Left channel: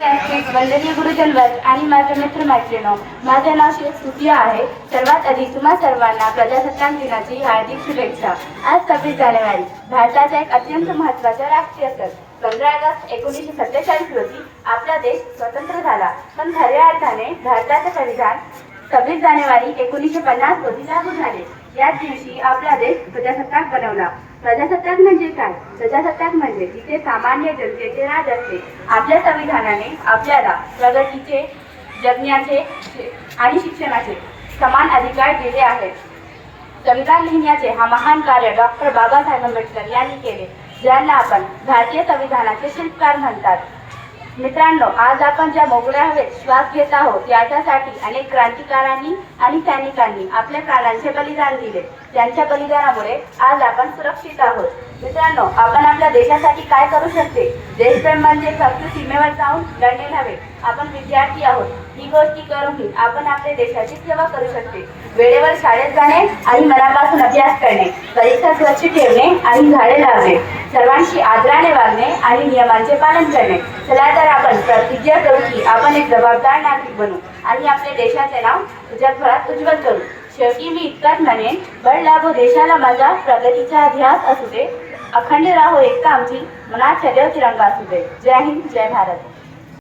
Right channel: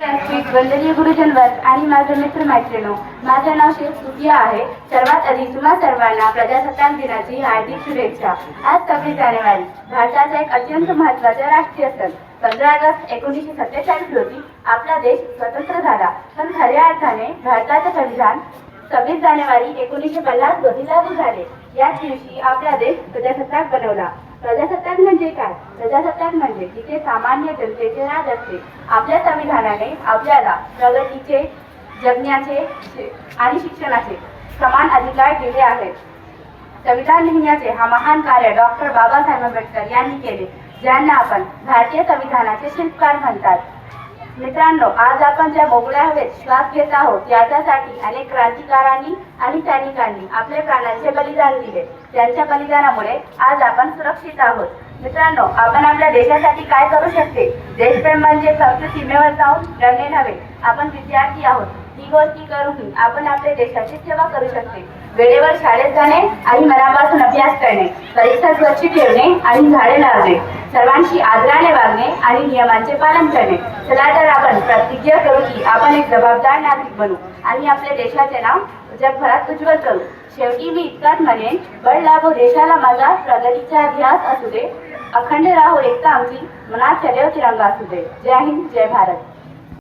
वंदनीय गुरुजनवर्ग आणि माझे मित्र मैत्रिणी, माझे नाव शेख सुफिया आहे. सर्वात आधी तुम्हा सर्वांना प्रजासत्ताक दिनाची हार्दिक शुभेच्छा. आज 26 जानेवारी भारताचा एक अत्यंत महत्त्वाचा राष्ट्रीय सण. 15 ऑगस्ट 1947 रोजी आपला देश स्वतंत्र झाला. पण खऱ्या अर्थाने भारताचे संविधान 26 जानेवारी 1950 रोजी लागू झाले. याच दिवशी आपला देश प्रजासत्ताक बनवला. प्रजासत्ताक म्हणजे काय? प्रजासत्ताक म्हणजे जिथे सामान्य जनतेचे राज असते. आपल्या संविधानाने आपल्याला प्रगतीचे, जगण्याचे आणि शिक्षणाचे समान अधिकार दिले आहेत. संविधान लिहिण्याचे हा महान कार्य डॉक्टर बाबासाहेब आंबेडकर यांनी केले, ज्यांना आपण भारतीय संविधानाचे शिल्पकार म्हणतात. मित्रांनो, आज आपण ज्या मोकळ्या हवेत श्वास घेत आहोत याच्यासाठी अनेक क्रांतिकारांनी आणि सैनिकांनी आपल्या प्राणांचे बलिदान दिले. त्यांच्या बलिदानामुळे आज आपण सुरक्षित आहोत. मित्रांनो, आपण आपल्या देशासाठी काय करू शकते? देशप्रेम म्हणजे फक्त सीमेवर जाऊन लढणे नव्हे. आपण विद्यार्थी आहोत, ही गोष्टी करूनही आपण आपल्या देशाची सेवा करू शकते. वेळेवर शाळेत जाणे आणि मनापासून अभ्यास करणे, परीक्षा स्वच्छ ठेवणे आणि झाडे लावणे, सर्वांशी आदराने वागणे आणि नियमांचे पालन करणे. चला तर आपण प्रतिज्ञा करू की आपण एक जबाबदार नागरिक बनू आणि आपल्या देशाचे नाव जगभरात उज्ज्वल करू. शेवटी मी इतकंच म्हणेन, बळ लागू देशाला माझा, प्रगतीचा ध्यास असू दे, अखंड राहो एकता आमची, मनात सदैव तिरंगा असू दे. जय हिंद, जय भारत.